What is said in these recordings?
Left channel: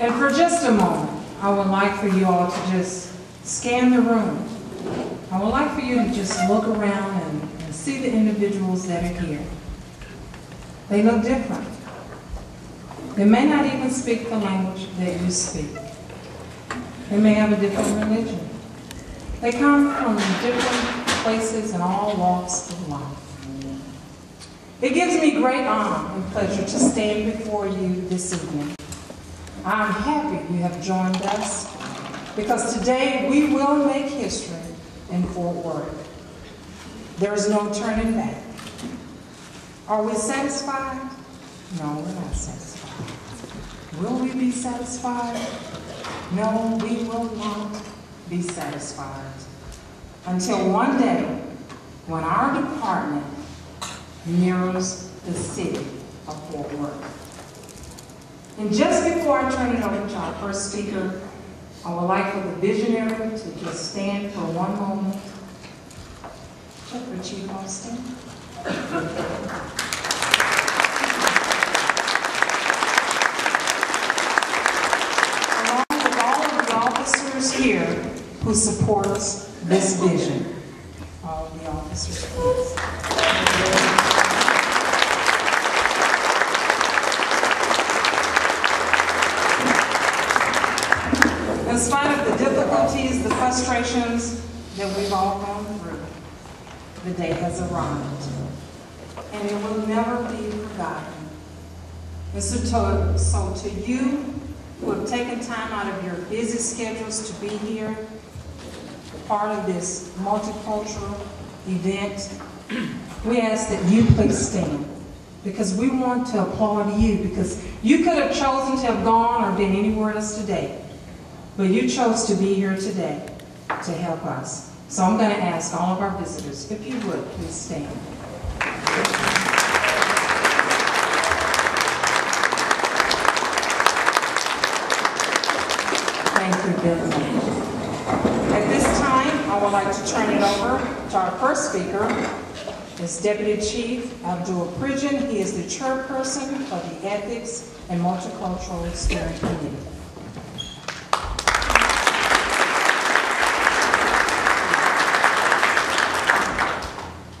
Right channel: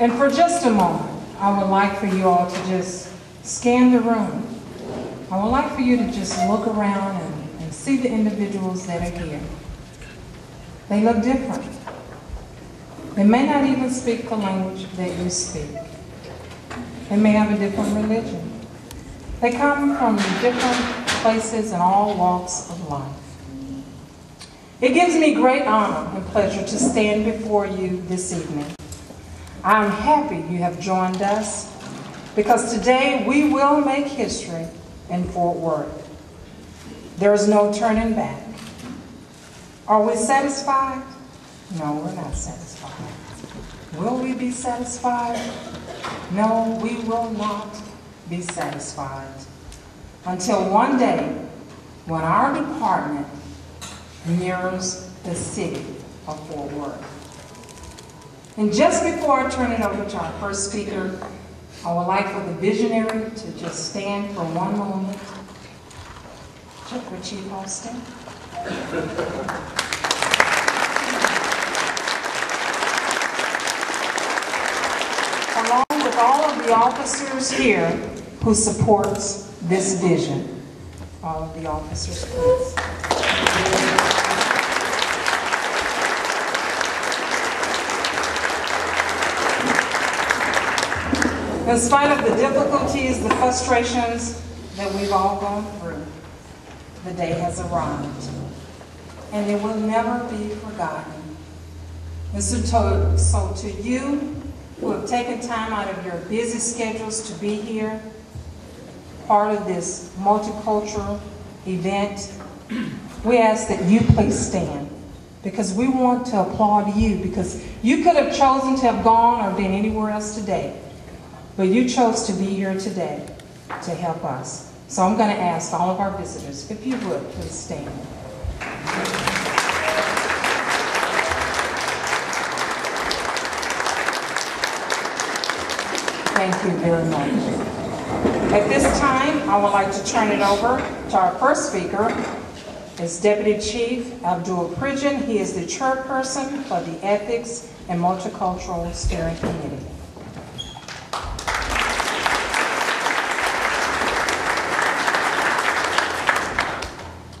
And for just a moment, I would like for you all to just scan the room. I would like for you to just look around and see the individuals that are here. They look different. They may not even speak the language that you speak. They may have a different religion. They come from different places and all walks of life. It gives me great honor and pleasure to stand before you this evening. I'm happy you have joined us because today we will make history in Fort Worth. There is no turning back. Are we satisfied? No, we're not satisfied. Will we be satisfied? No, we will not be satisfied until one day when our department mirrors the city of Fort Worth. And just before I turn it over to our first speaker, I would like for the visionary to just stand for one moment. Chief Austin. Along with all of the officers here who supports this vision. All of the officers, please. In spite of the difficulties, the frustrations that we've all gone through, the day has arrived, and it will never be forgotten. So to you who have taken time out of your busy schedules to be here, part of this multicultural event, we ask that you please stand, because we want to applaud you, because you could have chosen to have gone or been anywhere else today, but you chose to be here today to help us. So I'm going to ask all of our visitors, if you would, please stand. Thank you very much. At this time, I would like to turn it over to our first speaker. It's Deputy Chief Abdul Pridgen. He is the chairperson of the Ethics and Multicultural Steering Committee.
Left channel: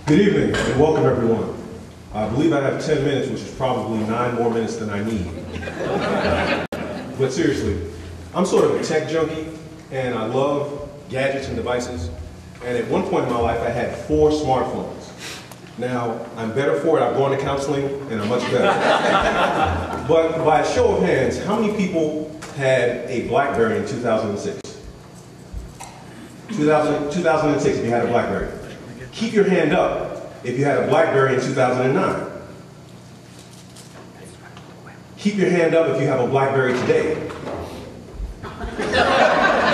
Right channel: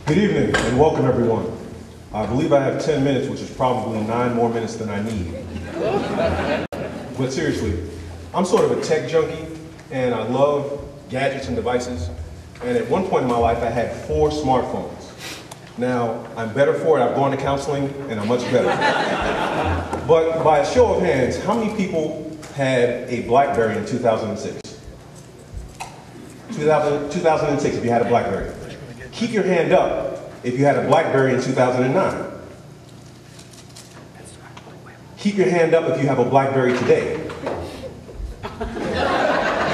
Good evening and welcome everyone. I believe I have 10 minutes, which is probably 9 more minutes than I need. But seriously, I'm sort of a tech junkie and I love gadgets and devices. And at one point in my life, I had 4 smartphones. Now, I'm better for it. I've gone to counseling and I'm much better. But by a show of hands, how many people had a BlackBerry in 2006? 2006, if you had a BlackBerry. Keep your hand up if you had a BlackBerry in 2009. Keep your hand up if you have a BlackBerry today.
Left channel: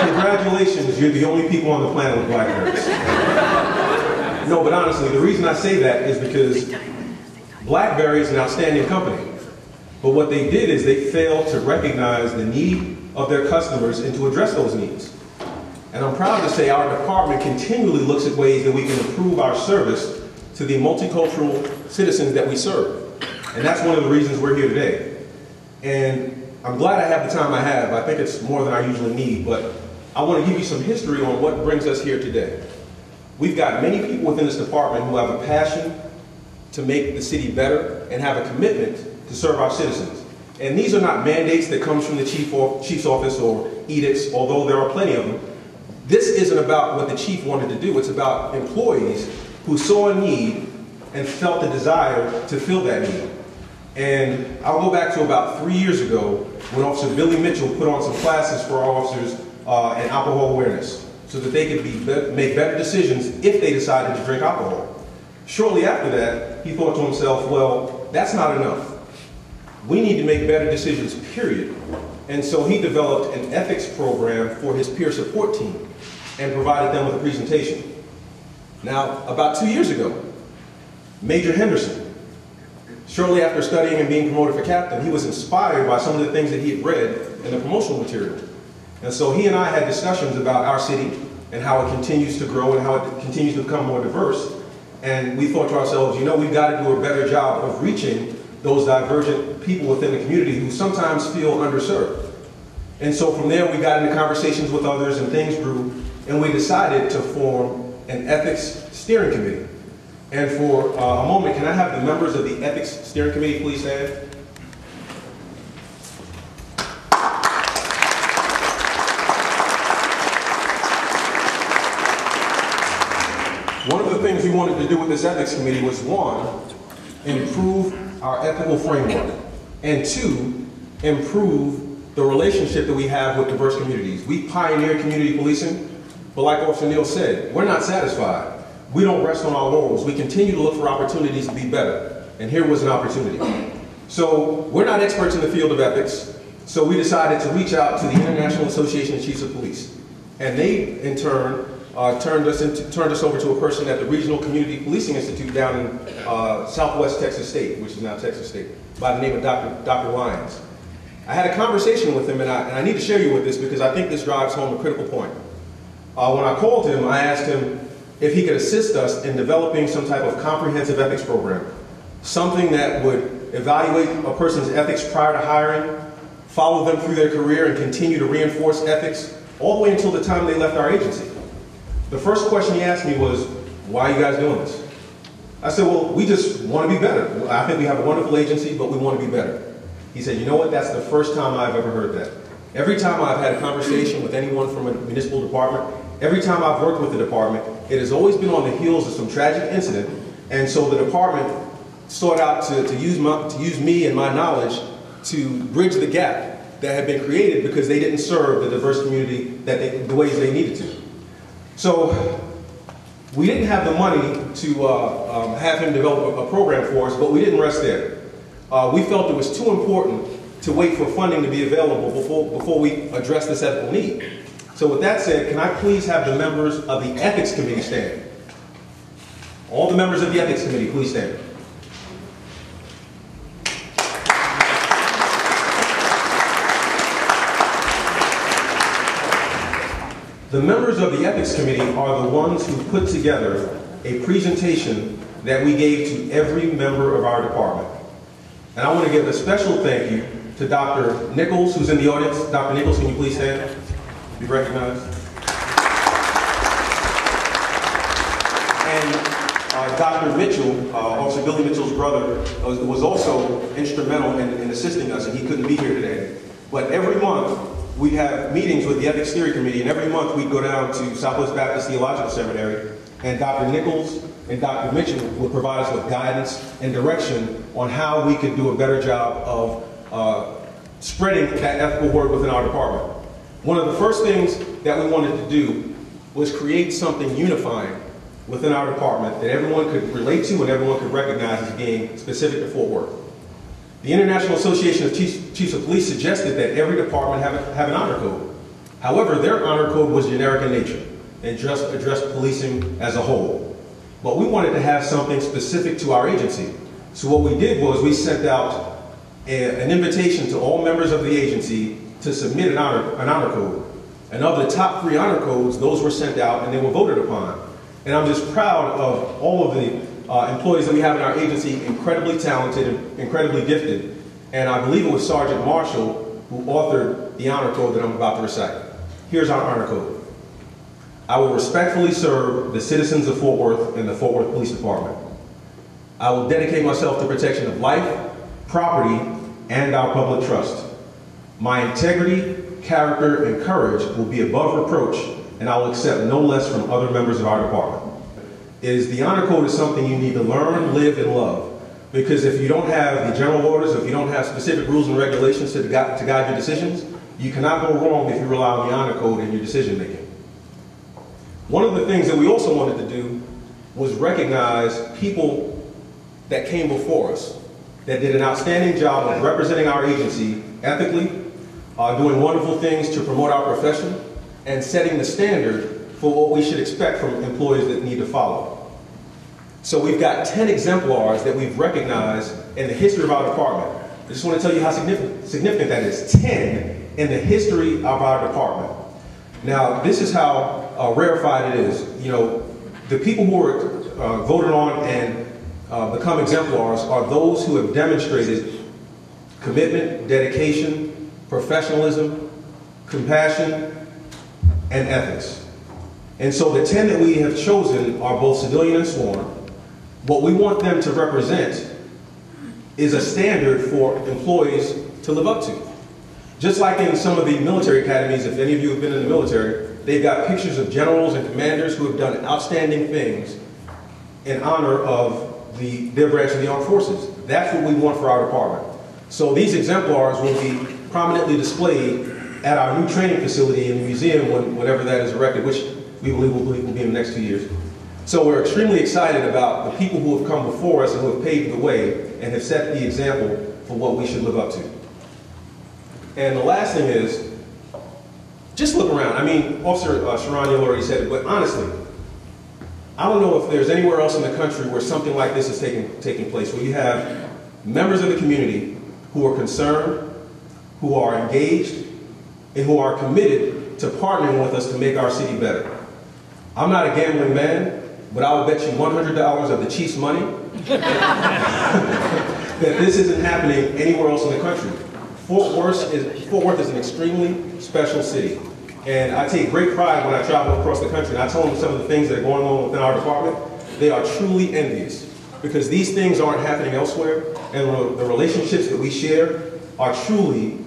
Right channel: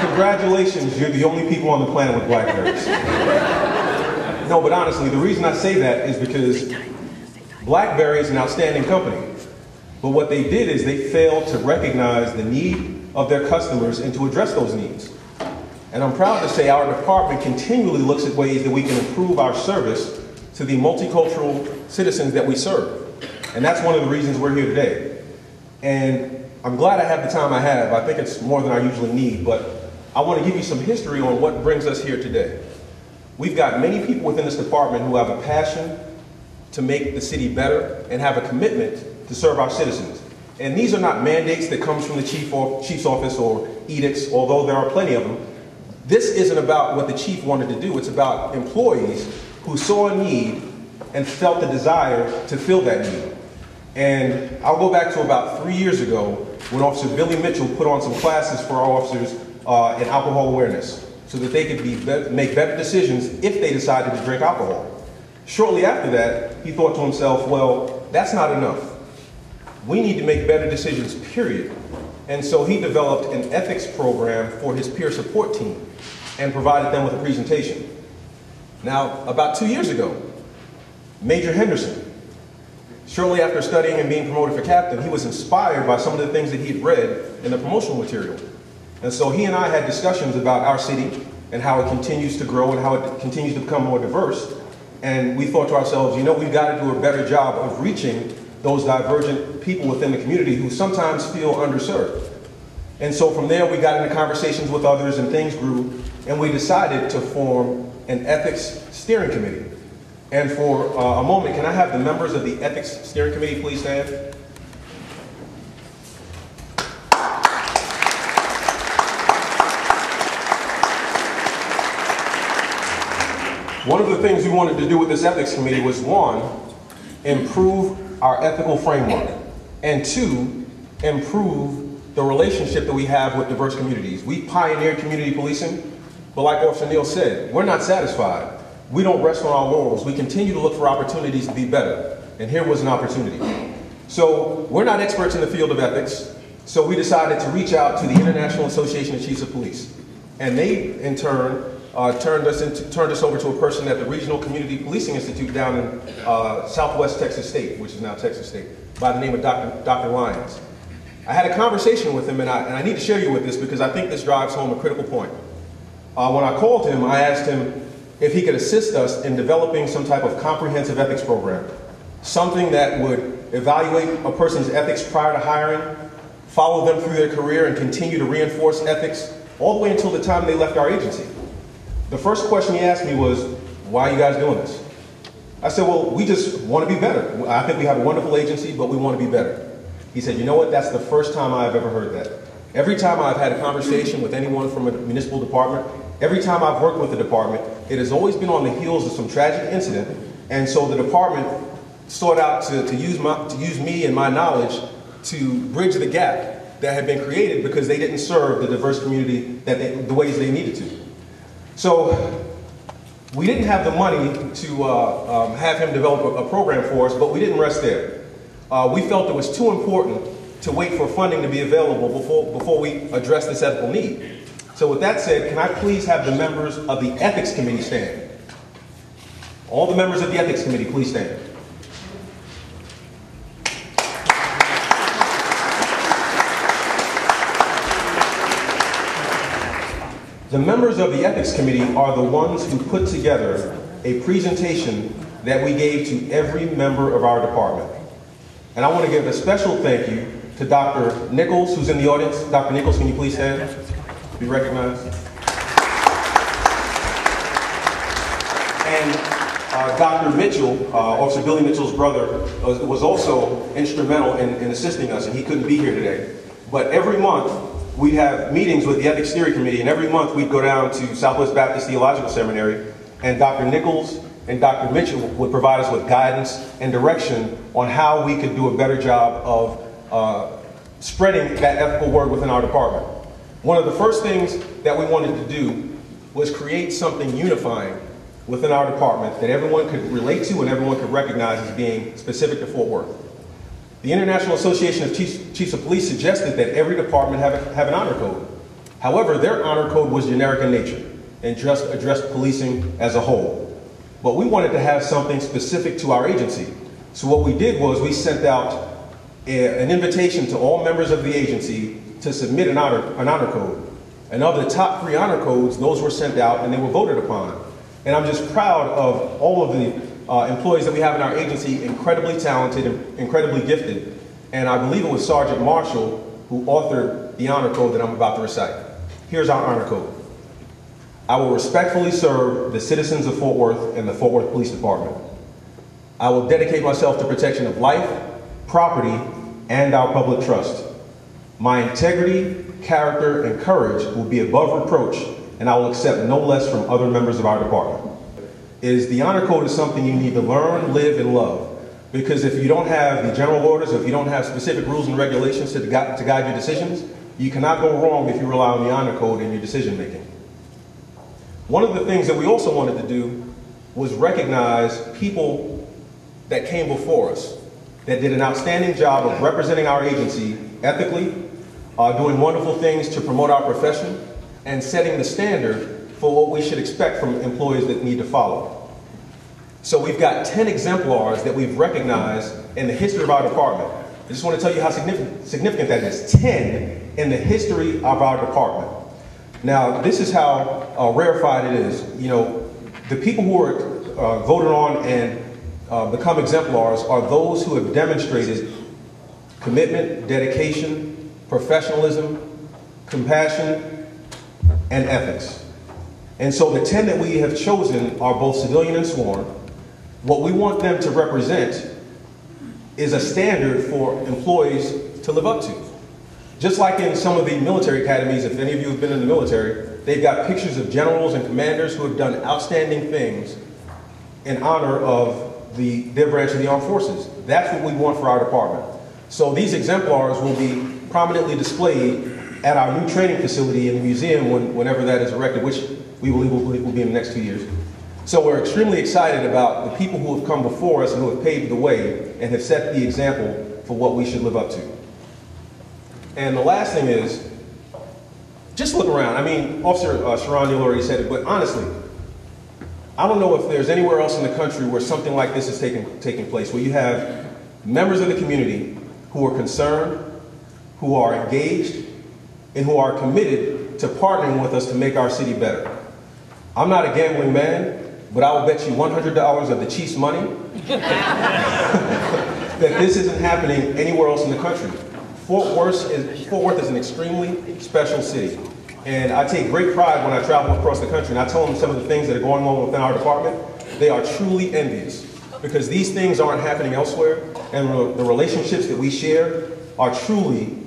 Congratulations, you're the only people on the planet with BlackBerries. No, but honestly, the reason I say that is because BlackBerry is an outstanding company. But what they did is they failed to recognize the need of their customers and to address those needs. And I'm proud to say our department continually looks at ways that we can improve our service to the multicultural citizens that we serve. And that's one of the reasons we're here today. And I'm glad I have the time I have. I think it's more than I usually need, but I want to give you some history on what brings us here today. We've got many people within this department who have a passion to make the city better and have a commitment to serve our citizens. And these are not mandates that comes from the chief's office or edicts, although there are plenty of them. This isn't about what the chief wanted to do. It's about employees who saw a need and felt the desire to fill that need. And I'll go back to about 3 years ago when Officer Billy Mitchell put on some classes for our officers in alcohol awareness so that they could make better decisions if they decided to drink alcohol. Shortly after that, he thought to himself, well, that's not enough. We need to make better decisions, period. And so he developed an ethics program for his peer support team and provided them with a presentation. Now, about 2 years ago, Major Henderson, shortly after studying and being promoted for captain, he was inspired by some of the things that he had read in the promotional material. And so he and I had discussions about our city and how it continues to grow and how it continues to become more diverse. And we thought to ourselves, you know, we've got to do a better job of reaching those divergent people within the community who sometimes feel underserved. And so from there, we got into conversations with others and things grew, and we decided to form an ethics steering committee. And for a moment, can I have the members of the ethics steering committee please stand? One of the things we wanted to do with this ethics committee was, one, improve our ethical framework, and two, improve the relationship that we have with diverse communities. We pioneered community policing, but like Officer Neal said, we're not satisfied. We don't rest on our laurels. We continue to look for opportunities to be better, and here was an opportunity. So we're not experts in the field of ethics, so we decided to reach out to the International Association of Chiefs of Police, and they, in turn, turned us over to a person at the Regional Community Policing Institute down in Southwest Texas State, which is now Texas State, by the name of Dr. Lyons. I had a conversation with him, and I need to share you with this because I think this drives home a critical point. When I called him, I asked him if he could assist us in developing some type of comprehensive ethics program, something that would evaluate a person's ethics prior to hiring, follow them through their career, and continue to reinforce ethics all the way until the time they left our agency. The first question he asked me was, why are you guys doing this? I said, well, we just want to be better. I think we have a wonderful agency, but we want to be better. He said, you know what, that's the first time I've ever heard that. Every time I've had a conversation with anyone from a municipal department, every time I've worked with the department, it has always been on the heels of some tragic incident, and so the department sought out to use me and my knowledge to bridge the gap that had been created because they didn't serve the diverse community the ways they needed to. So we didn't have the money to have him develop a program for us, but we didn't rest there. We felt it was too important to wait for funding to be available before we address this ethical need. So with that said, can I please have the members of the Ethics Committee stand? All the members of the Ethics Committee, please stand. The members of the Ethics Committee are the ones who put together a presentation that we gave to every member of our department. And I want to give a special thank you to Dr. Nichols, who's in the audience. Dr. Nichols, can you please stand? Be recognized. And Dr. Mitchell, Officer Billy Mitchell's brother, was also instrumental in assisting us, and he couldn't be here today. But every month, we have meetings with the Ethics Steering Committee, and every month we'd go down to Southwest Baptist Theological Seminary, and Dr. Nichols and Dr. Mitchell would provide us with guidance and direction on how we could do a better job of spreading that ethical word within our department. One of the first things that we wanted to do was create something unifying within our department that everyone could relate to and everyone could recognize as being specific to Fort Worth. The International Association of Chiefs of Police suggested that every department have an honor code. However, their honor code was generic in nature and just addressed policing as a whole. But we wanted to have something specific to our agency. So what we did was we sent out an invitation to all members of the agency to submit an honor code. And of the top 3 honor codes, those were sent out and they were voted upon. And I'm just proud of all of the employees that we have in our agency, incredibly talented and incredibly gifted. And I believe it was Sergeant Marshall who authored the honor code that I'm about to recite. Here's our honor code. I will respectfully serve the citizens of Fort Worth and the Fort Worth Police Department. I will dedicate myself to protection of life, property, and our public trust. My integrity, character, and courage will be above reproach, and I will accept no less from other members of our department. The honor code is something you need to learn, live, and love. Because if you don't have the general orders, if you don't have specific rules and regulations to guide your decisions, you cannot go wrong if you rely on the honor code in your decision making. One of the things that we also wanted to do was recognize people that came before us that did an outstanding job of representing our agency ethically, doing wonderful things to promote our profession, and setting the standard for what we should expect from employees that need to follow. So we've got 10 exemplars that we've recognized in the history of our department. I just want to tell you how significant that is. 10 in the history of our department. Now, this is how rarefied it is. You know, the people who are voted on and become exemplars are those who have demonstrated commitment, dedication, professionalism, compassion, and ethics. And so the 10 that we have chosen are both civilian and sworn. What we want them to represent is a standard for employees to live up to. Just like in some of the military academies, if any of you have been in the military, they've got pictures of generals and commanders who have done outstanding things in honor of their branch of the armed forces. That's what we want for our department. So these exemplars will be prominently displayed at our new training facility in the museum whenever that is erected, which we believe will be in the next 2 years. So we're extremely excited about the people who have come before us and who have paved the way and have set the example for what we should live up to. And the last thing is, just look around. I mean, Officer Sharon Neal already said it, but honestly, I don't know if there's anywhere else in the country where something like this is taking place, where you have members of the community who are concerned, who are engaged, and who are committed to partnering with us to make our city better. I'm not a gambling man, but I will bet you $100 of the Chiefs' money that this isn't happening anywhere else in the country. Fort Worth is an extremely special city. And I take great pride when I travel across the country and I tell them some of the things that are going on within our department. They are truly envious because these things aren't happening elsewhere, and the relationships that we share are truly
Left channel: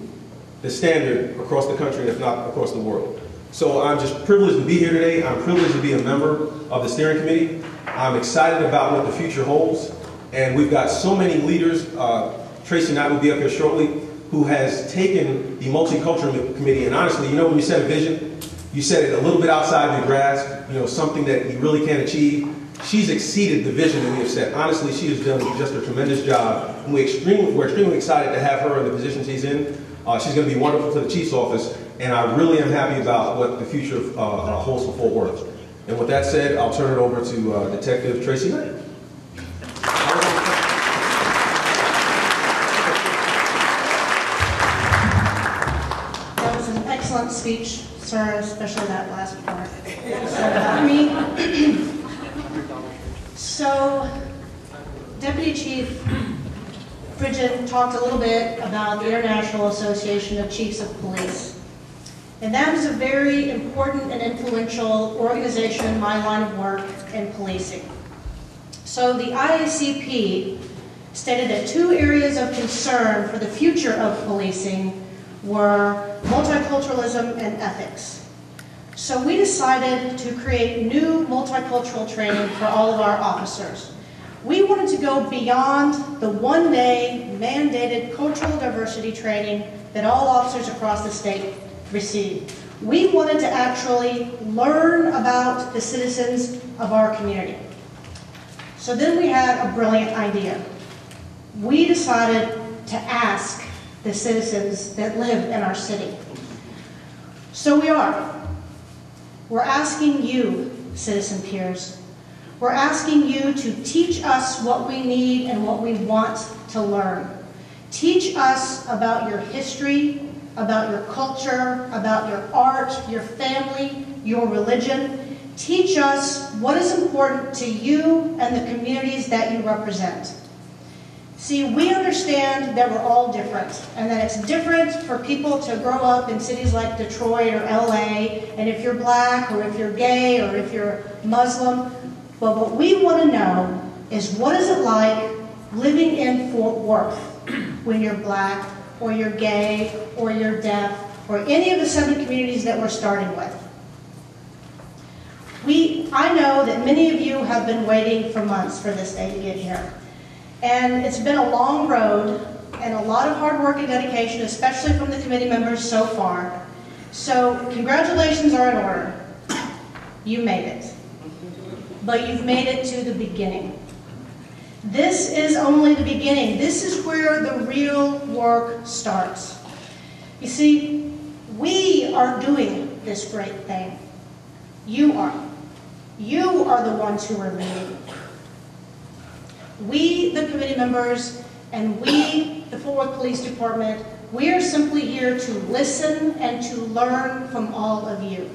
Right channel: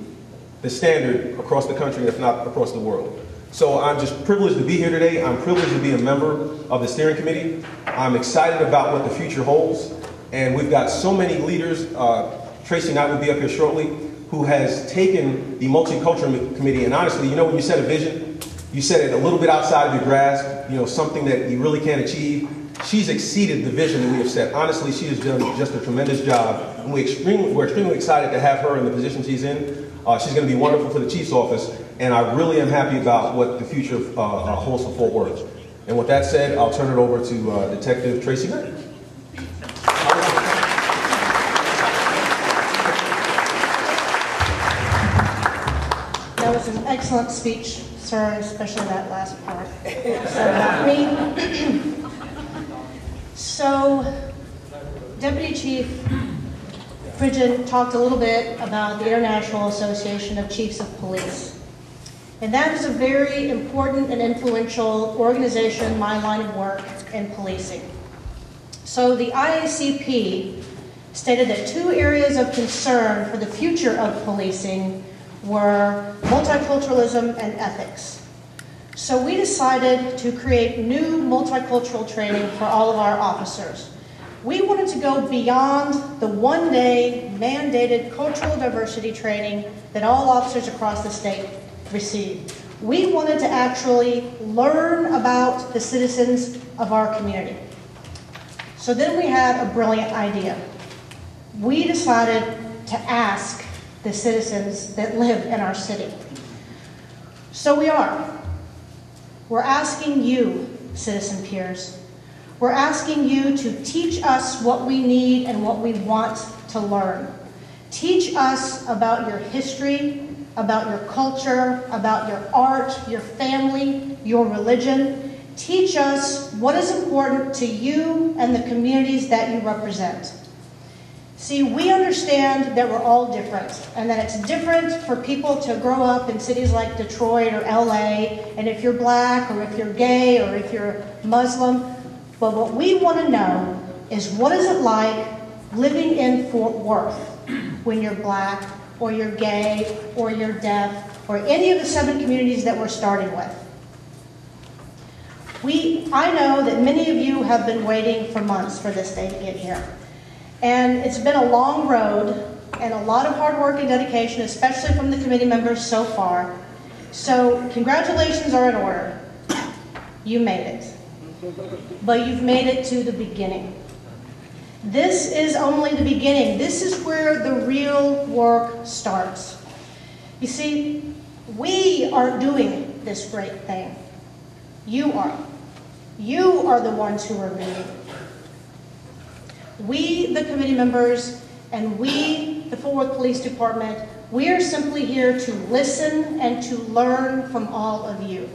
the standard across the country, if not across the world. So I'm just privileged to be here today. I'm privileged to be a member of the steering committee. I'm excited about what the future holds. And we've got so many leaders, Tracy Knight will be up here shortly, who has taken the Multicultural Committee, and honestly, you know, when you set a vision, you set it a little bit outside of your grasp, you know, something that you really can't achieve. She's exceeded the vision that we have set. Honestly, she has done just a tremendous job, and we're extremely excited to have her in the position she's in. She's going to be wonderful for the Chief's office, and I really am happy about what the future holds for Fort Worth. And with that said, I'll turn it over to Detective Tracy Knight. That was an excellent speech, sir, especially that last part. So about me. So, Deputy Chief Pridgen talked a little bit about the International Association of Chiefs of Police. And that is a very important and influential organization in my line of work in policing. So the IACP stated that 2 areas of concern for the future of policing were multiculturalism and ethics. So we decided to create new multicultural training for all of our officers. We wanted to go beyond the one-day mandated cultural diversity training that all officers across the state receive. We wanted to actually learn about the citizens of our community. So then we had a brilliant idea. We decided to ask the citizens that live in our city. So we're asking you, citizen peers, we're asking you to teach us what we need and what we want to learn. Teach us about your history, about your culture, about your art, your family, your religion. Teach us what is important to you and the communities that you represent. See, we understand that we're all different, and that it's different for people to grow up in cities like Detroit or LA, and if you're black, or if you're gay, or if you're Muslim. But what we want to know is, what is it like living in Fort Worth when you're black, or you're gay, or you're deaf, or any of the 7 communities that we're starting with? I know that many of you have been waiting for months for this day to get here. And it's been a long road and a lot of hard work and dedication, especially from the committee members so far. So congratulations are in order. You made it. But you've made it to the beginning. This is only the beginning. This is where the real work starts. You see, we aren't doing this great thing. You are. You are the ones who are leading. We, the committee members, and we, the Fort Worth Police Department, we are simply here to listen and to learn from all of you.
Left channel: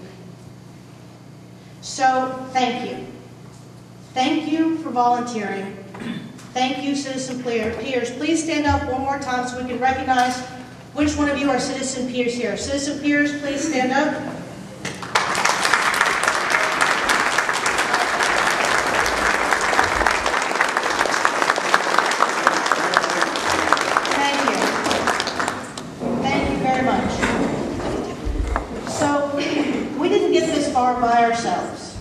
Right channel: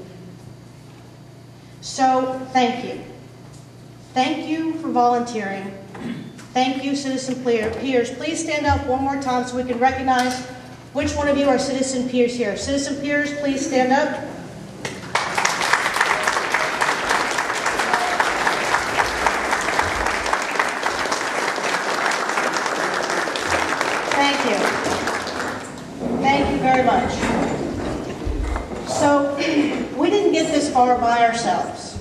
So, thank you. Thank you for volunteering. Thank you, citizen peers. Please stand up one more time so we can recognize Which one of you are citizen peers here? Citizen peers, please stand up. Thank you. Thank you very much. So, we didn't get this far by ourselves.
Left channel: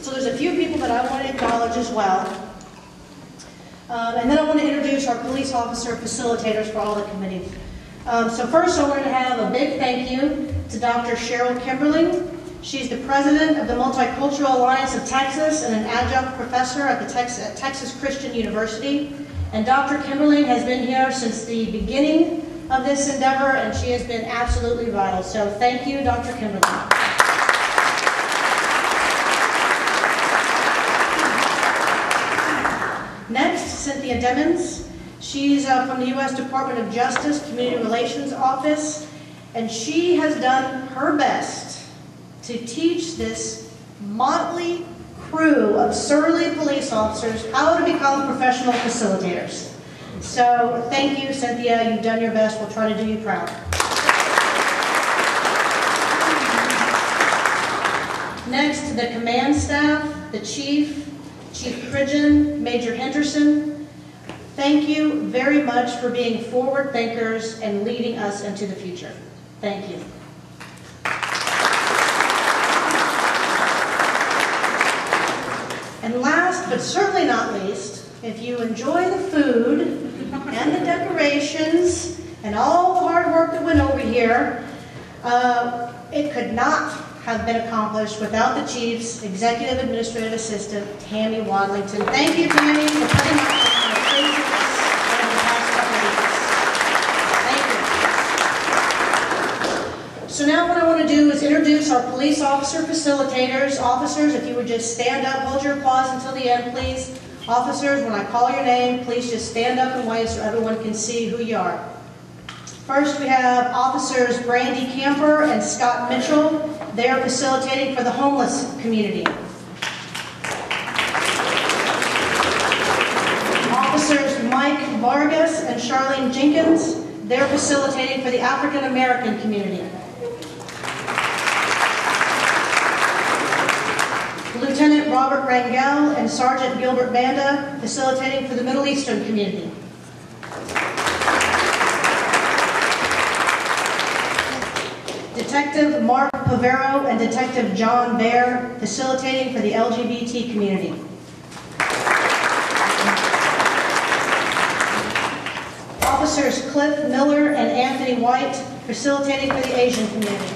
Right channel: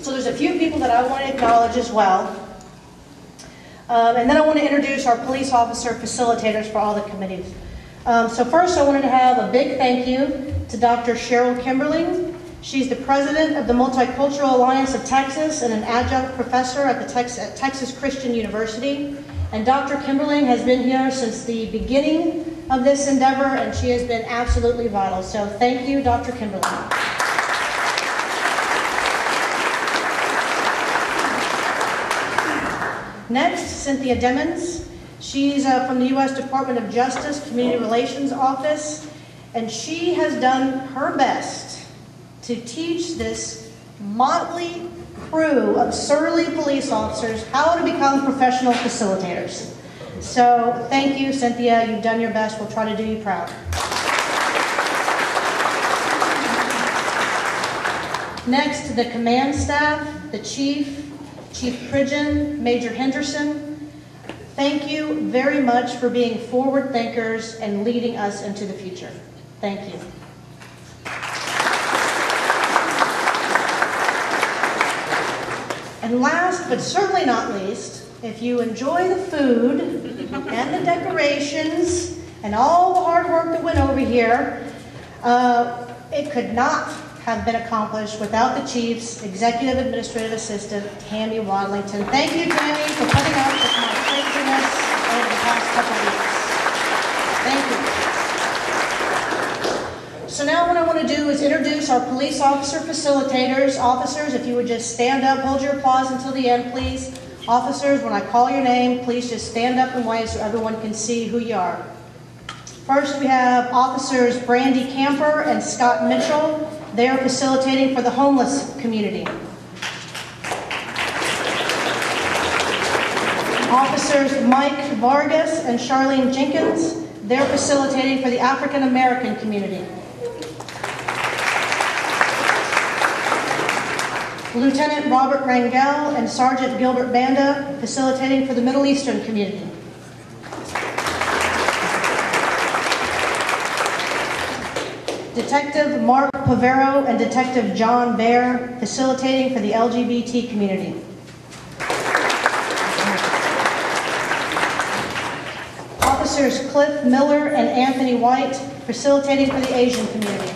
So there's a few people that I want to acknowledge as well. And then I want to introduce our police officer facilitators for all the committees. So first I wanted to have a big thank you to Dr. Cheryl Kimberling. She's the president of the Multicultural Alliance of Texas and an adjunct professor at the Texas Christian University. And Dr. Kimberling has been here since the beginning of this endeavor, and she has been absolutely vital. So thank you, Dr. Kimberling. Next, Cynthia Devin. She's from the U.S. Department of Justice Community Relations Office, and she has done her best to teach this motley crew of surly police officers how to become professional facilitators. So thank you, Cynthia. You've done your best. We'll try to do you proud. Next, the command staff, the chief, Chief Pridgeon, Major Henderson. Thank you very much for being forward thinkers and leading us into the future. Thank you. And last, but certainly not least, if you enjoy the food and the decorations and all the hard work that went over here, it could not have been accomplished without the Chief's Executive Administrative Assistant, Tammy Wadlington. Thank you, Tammy, for putting up with my craziness over the past couple of weeks. Thank you. So now what I want to do is introduce our police officer facilitators. Officers, if you would just stand up, hold your applause until the end, please. Officers, when I call your name, please just stand up and wave so everyone can see who you are. First, we have Officers Brandy Camper and Scott Mitchell. They are facilitating for the homeless community. Officers Mike Vargas and Charlene Jenkins. They're facilitating for the African American community. Lieutenant Robert Rangel and Sergeant Gilbert Banda facilitating for the Middle Eastern community. Detective Mark Pavero and Detective John Baer facilitating for the LGBT community. Officers Cliff Miller and Anthony White facilitating for the Asian community.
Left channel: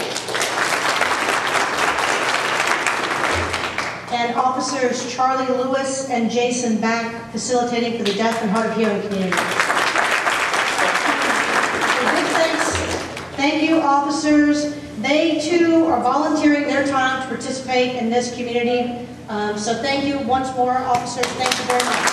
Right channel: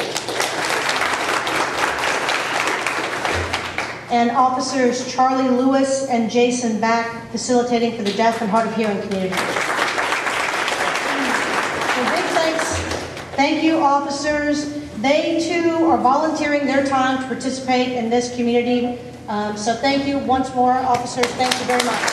And Officers Charlie Lewis and Jason Back facilitating for the deaf and hard of hearing community. So big thanks. Thank you, officers. They too are volunteering their time to participate in this community. So thank you once more, officers. Thank you very much.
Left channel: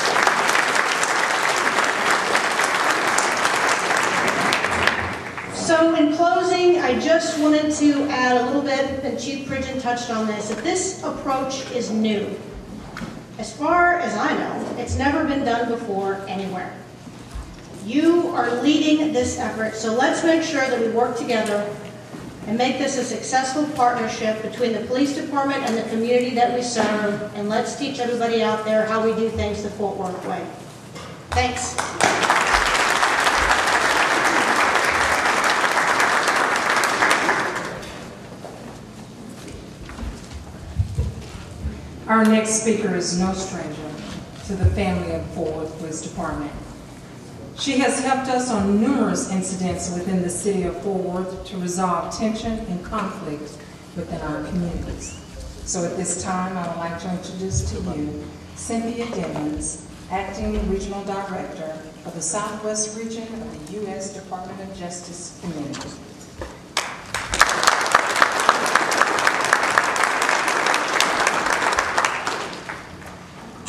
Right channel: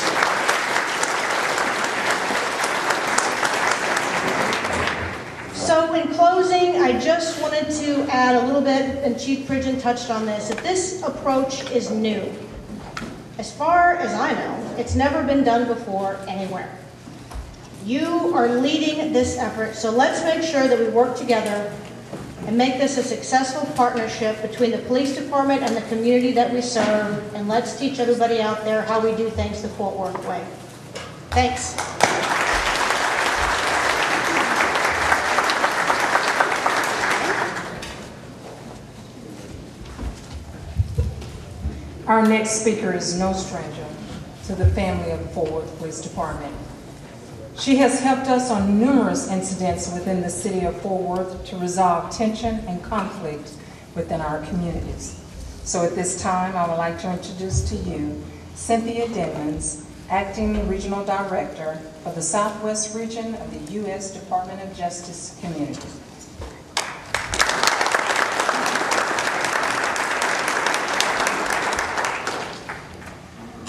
So in closing, I just wanted to add a little bit, and Chief Pridgeon touched on this, that this approach is new. As far as I know, it's never been done before anywhere. You are leading this effort, so let's make sure that we work together and make this a successful partnership between the police department and the community that we serve, and let's teach everybody out there how we do things the Fort Worth way. Thanks. Our next speaker is no stranger to the family of Fort Worth Police Department. She has helped us on numerous incidents within the city of Fort Worth to resolve tension and conflict within our communities. So at this time, I would like to introduce to you Cynthia Devin, Acting Regional Director of the Southwest Region of the U.S. Department of Justice Committee.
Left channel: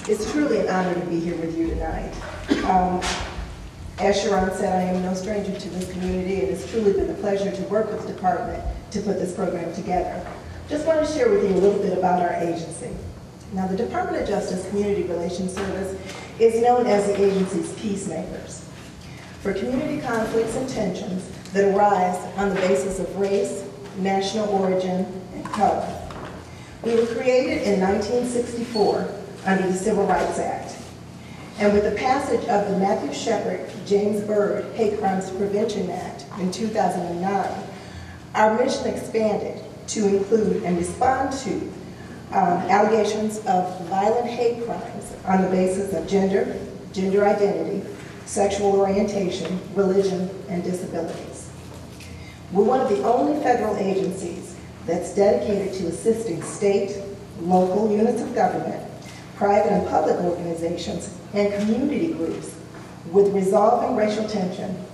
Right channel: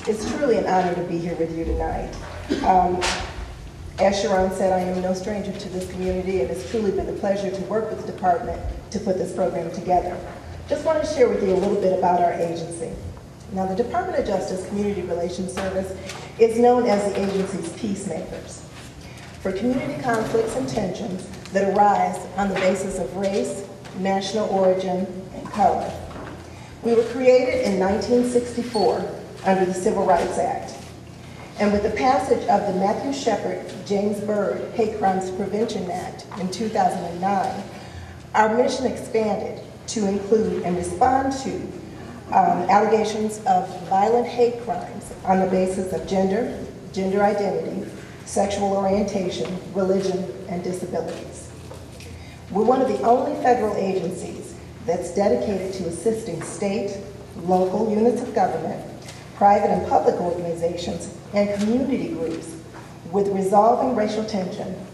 It's truly an honor to be here with you tonight. As Sharon said, I am no stranger to this community, and it's truly been a pleasure to work with the department to put this program together. Just want to share with you a little bit about our agency. Now, the Department of Justice Community Relations Service is known as the agency's peacemakers. For community conflicts and tensions, that arise on the basis of race, national origin, and color. We were created in 1964 under the Civil Rights Act. And with the passage of the Matthew Shepard, James Byrd Hate Crimes Prevention Act in 2009, our mission expanded to include and respond to allegations of violent hate crimes on the basis of gender, gender identity, sexual orientation, religion, and disabilities. We're one of the only federal agencies that's dedicated to assisting state, local units of government, private and public organizations, and community groups with resolving racial tension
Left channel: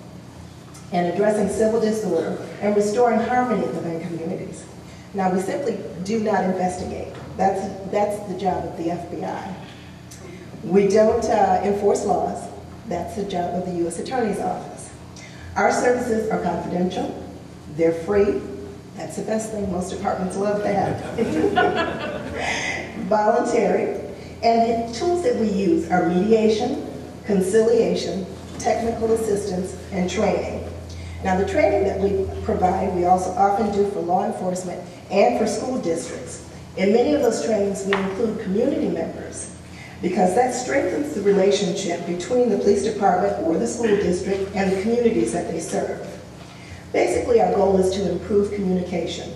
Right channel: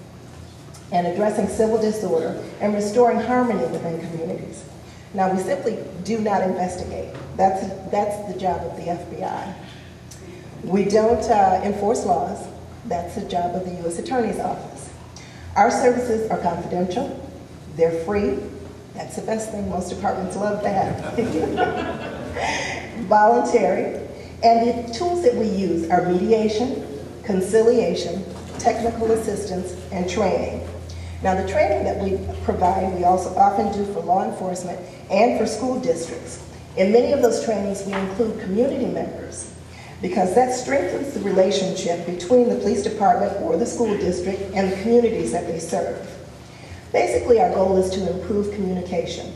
and addressing civil disorder and restoring harmony within communities. Now, we simply do not investigate. That's the job of the FBI. We don't enforce laws. That's the job of the U.S. Attorney's Office. Our services are confidential. They're free. That's the best thing. Most departments love that. Voluntary. And the tools that we use are mediation, conciliation, technical assistance, and training. Now, the training that we provide, we also often do for law enforcement and for school districts. In many of those trainings, we include community members because that strengthens the relationship between the police department or the school district and the communities that they serve. Basically, our goal is to improve communication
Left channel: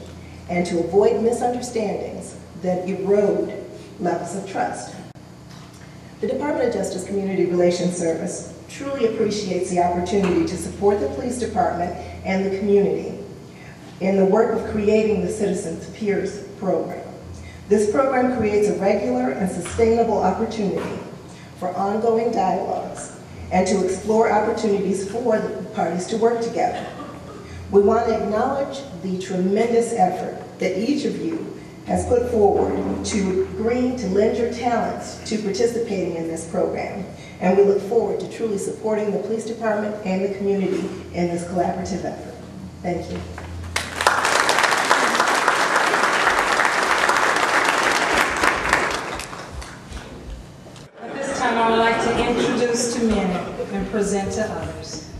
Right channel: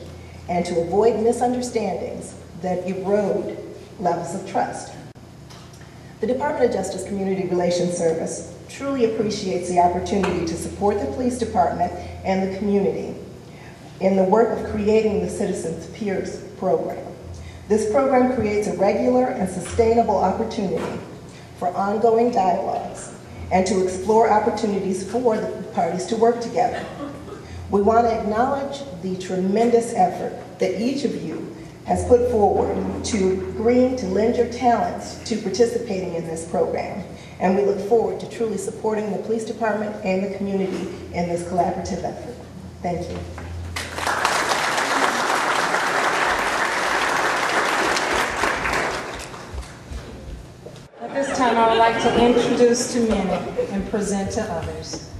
and to avoid misunderstandings that erode levels of trust. The Department of Justice Community Relations Service truly appreciates the opportunity to support the police department and the community in the work of creating the Citizens Peers program. This program creates a regular and sustainable opportunity for ongoing dialogues and to explore opportunities for the parties to work together. We want to acknowledge the tremendous effort that each of you has put forward to agreeing to lend your talents to participating in this program. And we look forward to truly supporting the police department and the community in this collaborative effort. Thank you. At this time, I would like to introduce to many and present to others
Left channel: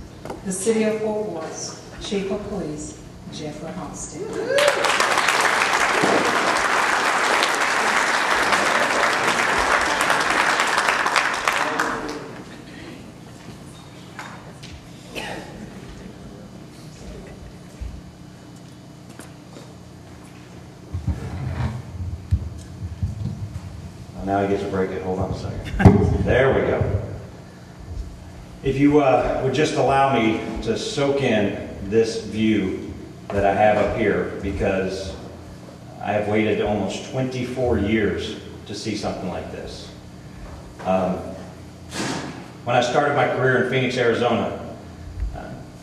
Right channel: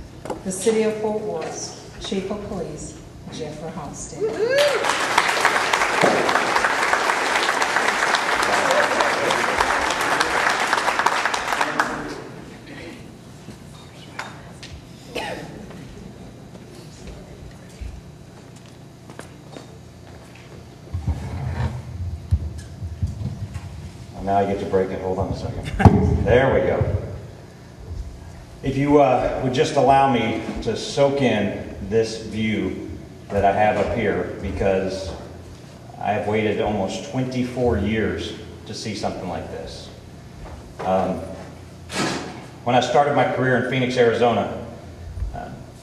the City of Fort Worth's Chief of Police, Jeffrey Halstead. Now you get to break it. Hold on a second. There we go. If you would just allow me to soak in this view that I have up here, because I have waited almost 24 years to see something like this. When I started my career in Phoenix, Arizona,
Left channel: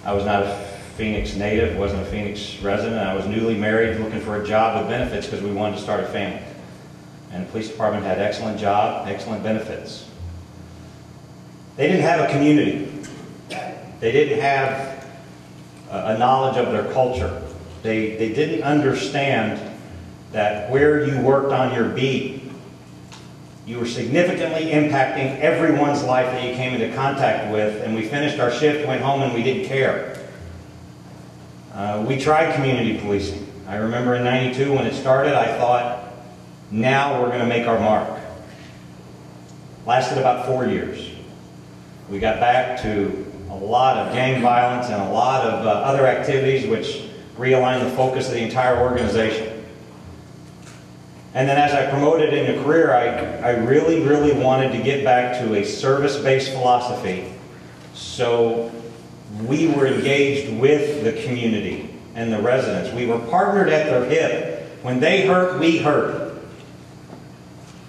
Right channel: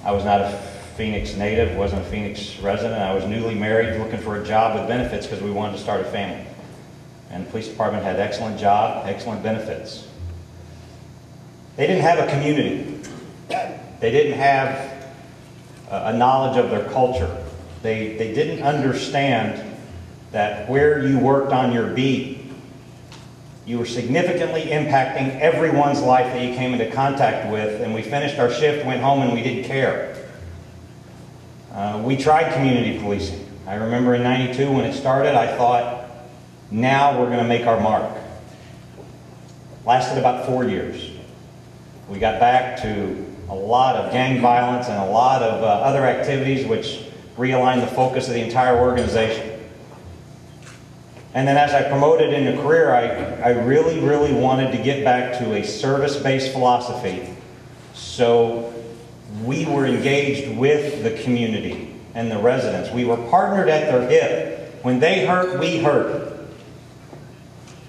I was not a Phoenix native, wasn't a Phoenix resident. I was newly married, looking for a job with benefits because we wanted to start a family. And the police department had excellent job, excellent benefits. They didn't have a community. They didn't have a knowledge of their culture. They didn't understand that where you worked on your beat, you were significantly impacting everyone's life that you came into contact with, and we finished our shift, went home, and we didn't care. We tried community policing. I remember in '92 when it started, I thought, now we're going to make our mark. Lasted about 4 years. We got back to a lot of gang violence and a lot of other activities which realigned the focus of the entire organization. And then as I promoted in a career, I really, really wanted to get back to a service-based philosophy. So we were engaged with the community and the residents. We were partnered at their hip. When they hurt, we hurt.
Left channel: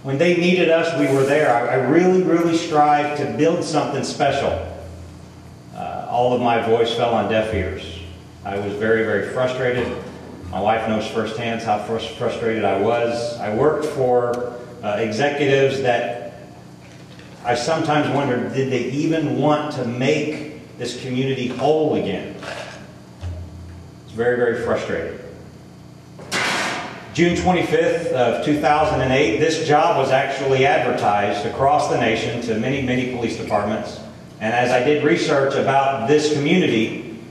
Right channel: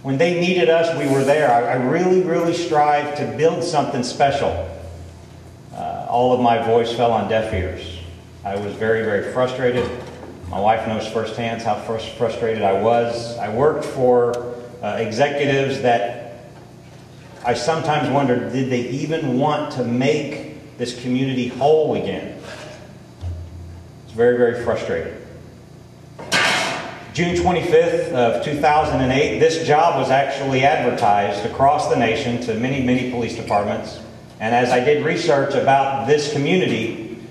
When they needed us, we were there. I really, really strived to build something special. All of my voice fell on deaf ears. I was very, very frustrated. My wife knows firsthand how frustrated I was. I worked for executives that I sometimes wondered, did they even want to make this community whole again? It's very, very frustrating. June 25th of 2008, this job was actually advertised across the nation to many, many police departments. And as I did research about this community,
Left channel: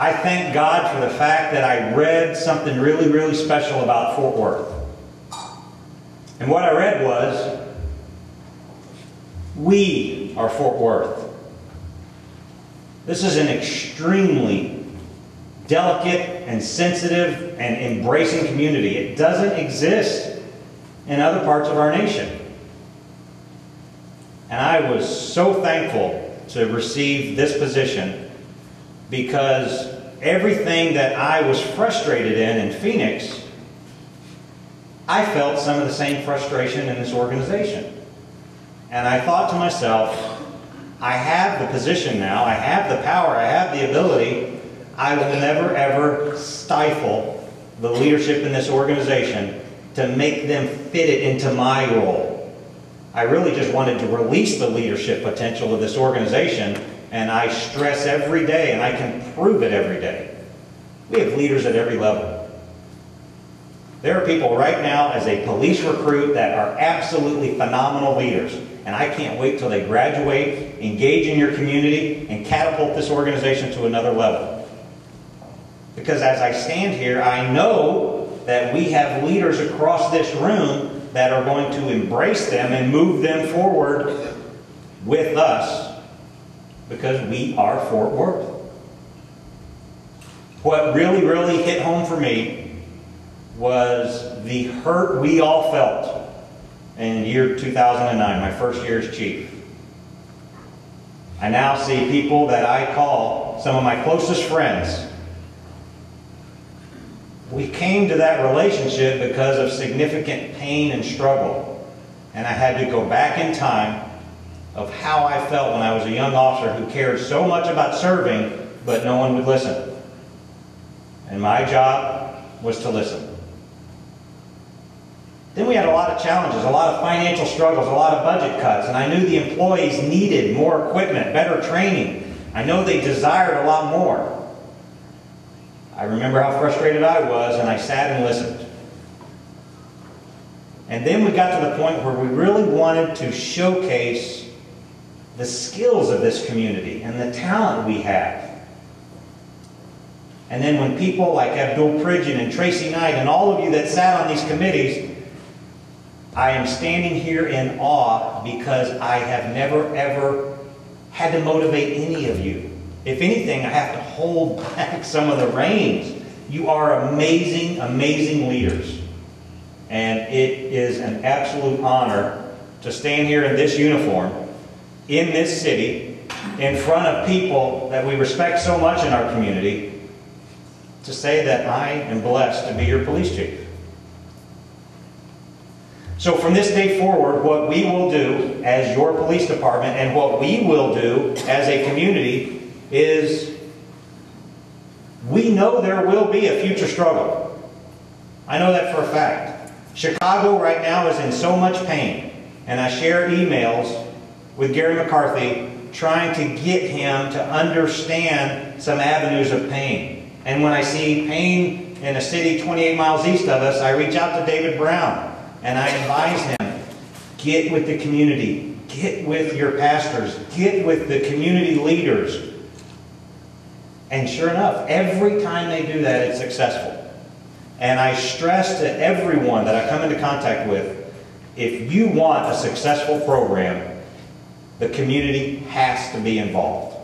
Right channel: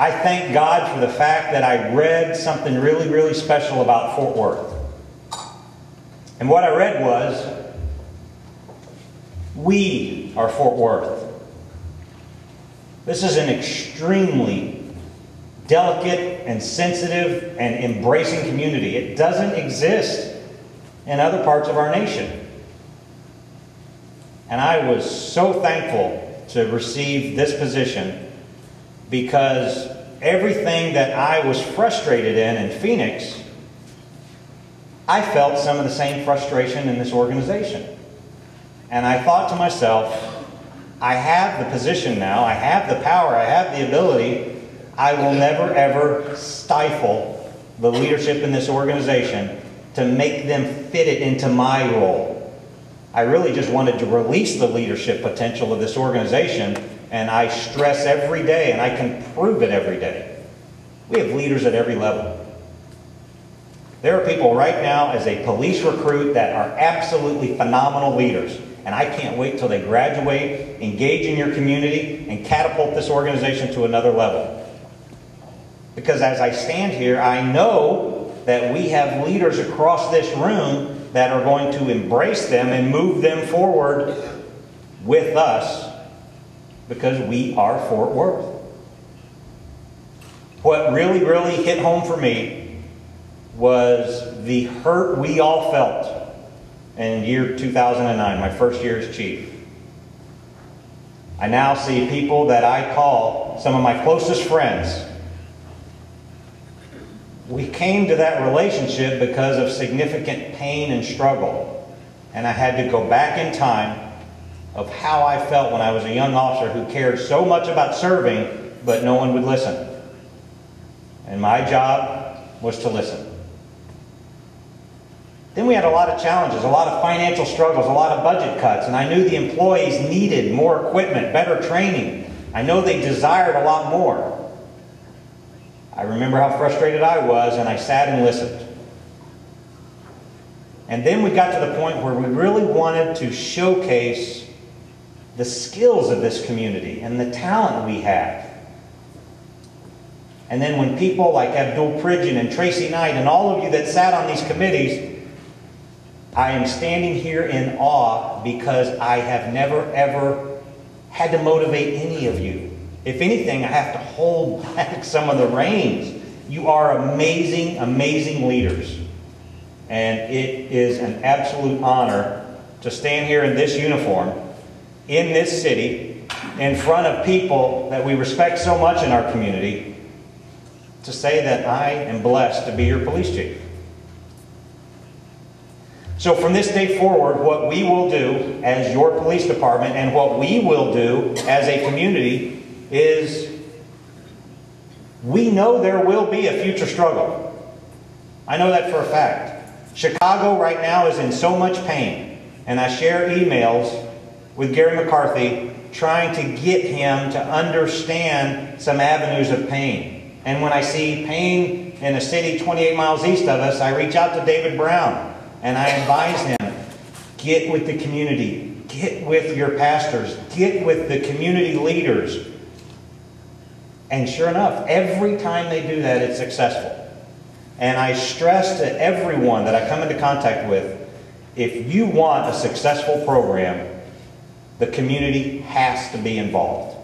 I thank God for the fact that I read something really, really special about Fort Worth. And what I read was, we are Fort Worth. This is an extremely delicate and sensitive and embracing community. It doesn't exist in other parts of our nation. And I was so thankful to receive this position, because everything that I was frustrated in Phoenix, I felt some of the same frustration in this organization. And I thought to myself, I have the position now, I have the power, I have the ability. I will never ever stifle the leadership in this organization to make them fit it into my role. I really just wanted to release the leadership potential of this organization, and I stress every day, and I can prove it every day. We have leaders at every level. There are people right now as a police recruit that are absolutely phenomenal leaders, and I can't wait till they graduate, engage in your community, and catapult this organization to another level. Because as I stand here, I know that we have leaders across this room that are going to embrace them and move them forward with us, because we are Fort Worth. What really, really hit home for me was the hurt we all felt in year 2009, my first year as chief. I now see people that I call some of my closest friends. We came to that relationship because of significant pain and struggle. And I had to go back in time of how I felt when I was a young officer who cared so much about serving, but no one would listen. And my job was to listen. Then we had a lot of challenges, a lot of financial struggles, a lot of budget cuts, and I knew the employees needed more equipment, better training. I know they desired a lot more. I remember how frustrated I was, and I sat and listened. And then we got to the point where we really wanted to showcase the skills of this community and the talent we have. And then when people like Abdul Pridgeon and Tracy Knight and all of you that sat on these committees, I am standing here in awe, because I have never ever had to motivate any of you. If anything, I have to hold back some of the reins. You are amazing, amazing leaders. And it is an absolute honor to stand here in this uniform, in this city, in front of people that we respect so much in our community, to say that I am blessed to be your police chief. So from this day forward, what we will do as your police department, and what we will do as a community, is we know there will be a future struggle. I know that for a fact. Chicago right now is in so much pain, and I share emails with Gary McCarthy trying to get him to understand some avenues of pain. And when I see pain in a city 28 miles east of us, I reach out to David Brown and I advise him, get with the community, get with your pastors, get with the community leaders. And sure enough, every time they do that, it's successful. And I stress to everyone that I come into contact with, if you want a successful program, the community has to be involved.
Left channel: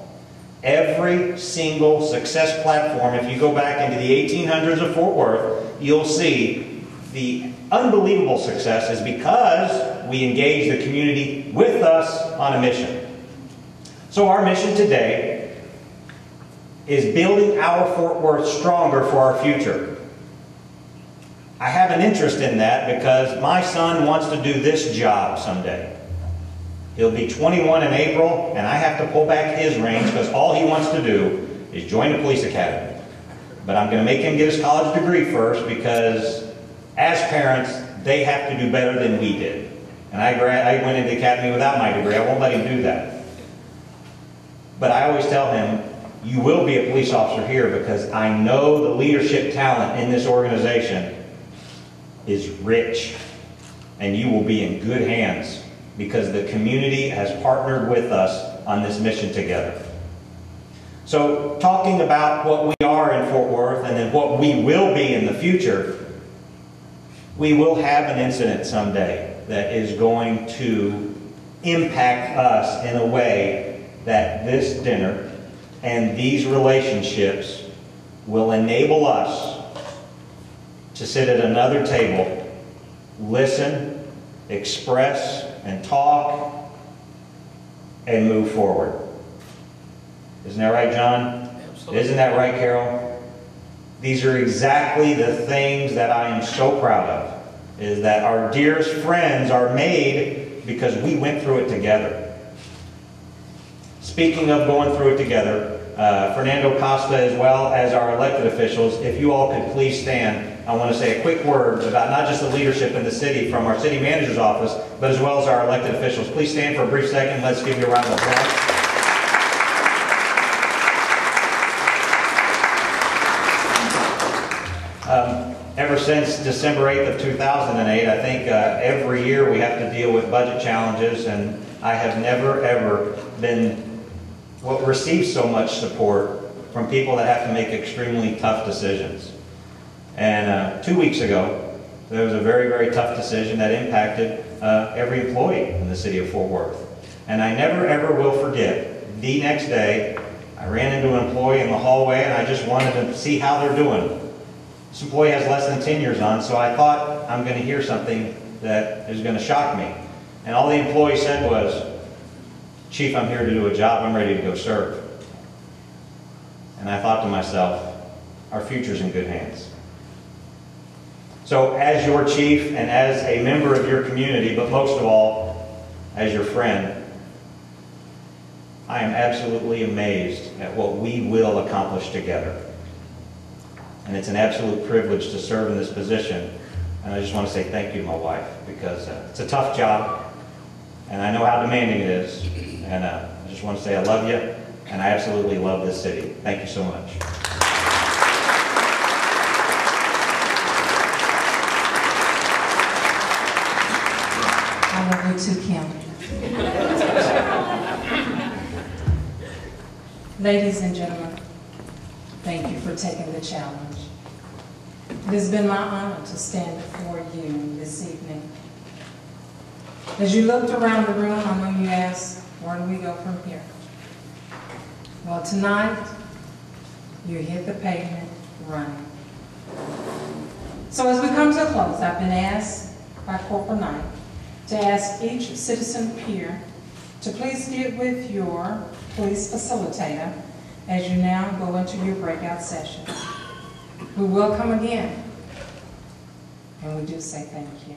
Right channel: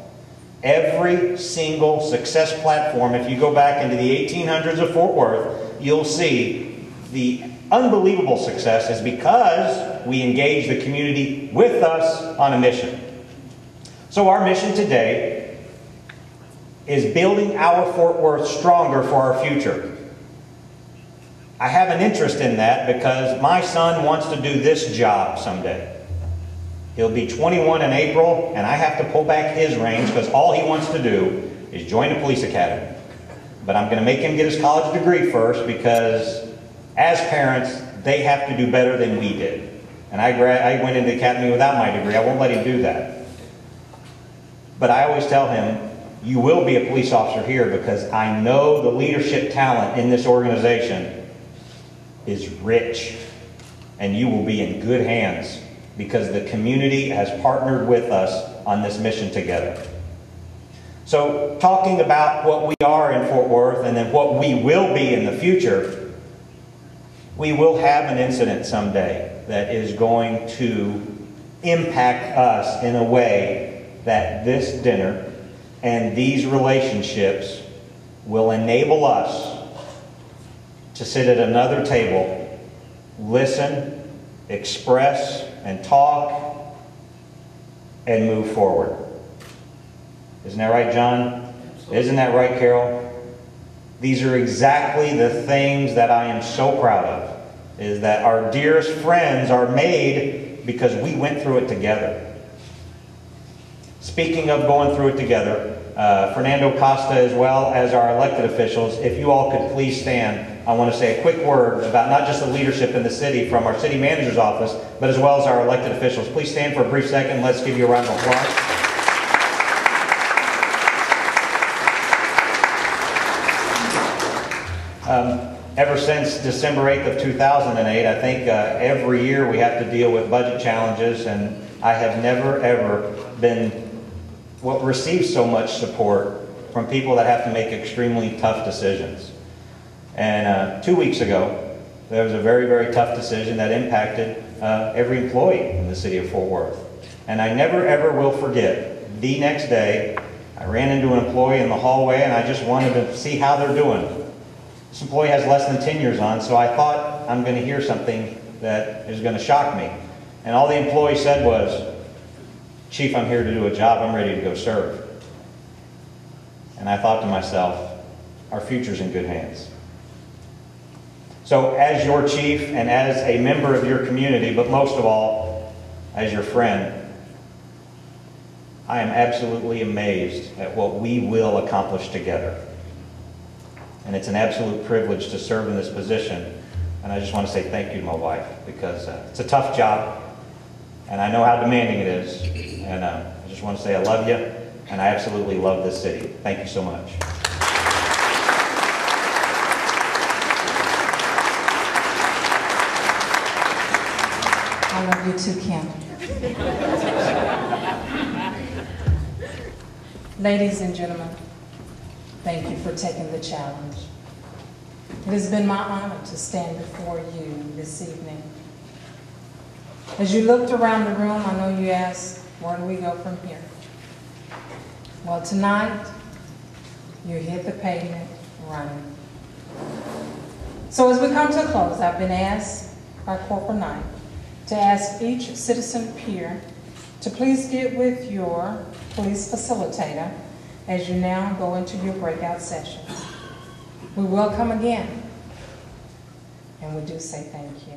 Every single success platform, if you go back into the 1800s of Fort Worth, you'll see the unbelievable success is because we engage the community with us on a mission. So our mission today is building our Fort Worth stronger for our future. I have an interest in that because my son wants to do this job someday. He'll be 21 in April, and I have to pull back his reins because all he wants to do is join the police academy. But I'm going to make him get his college degree first, because as parents, they have to do better than we did. And I went into the academy without my degree. I won't let him do that. But I always tell him, you will be a police officer here, because I know the leadership talent in this organization is rich, and you will be in good hands because the community has partnered with us on this mission together. So talking about what we are in Fort Worth and then what we will be in the future, we will have an incident someday that is going to impact us in a way that this dinner and these relationships will enable us to sit at another table, listen, express, and talk, and move forward. Isn't that right, John? Absolutely. Isn't that right, Carol? These are exactly the things that I am so proud of, is that our dearest friends are made because we went through it together. Speaking of going through it together, Fernando Costa, as well as our elected officials, if you all could please stand, I want to say a quick word about not just the leadership in the city from our city manager's office, but as well as our elected officials. Please stand for a brief second. Let's give you a round of applause. Ever since December 8th of 2008, I think every year we have to deal with budget challenges, and I have never ever received so much support from people that have to make extremely tough decisions. And 2 weeks ago, there was a very, very tough decision that impacted every employee in the city of Fort Worth. And I never ever will forget, the next day, I ran into an employee in the hallway and I just wanted to see how they're doing. This employee has less than 10 years on, so I thought I'm going to hear something that is going to shock me. And all the employee said was, "Chief, I'm here to do a job. I'm ready to go serve." And I thought to myself, our future's in good hands. So as your chief and as a member of your community, but most of all, as your friend, I am absolutely amazed at what we will accomplish together. And it's an absolute privilege to serve in this position. And I just want to say thank you to my wife, because it's a tough job, and I know how demanding it is. And I just want to say I love you, and I absolutely love this city. Thank you so much. I love you too, Kim. Ladies and gentlemen, thank you for taking the challenge. It has been my honor to stand before you this evening. As you looked around the room, I know you asked, where do we go from here? Well, tonight, you hit the pavement running. So as we come to a close, I've been asked by Corporal Knight to ask each citizen peer to please get with your police facilitator as you now go into your breakout sessions. We will come again, and we do say thank you.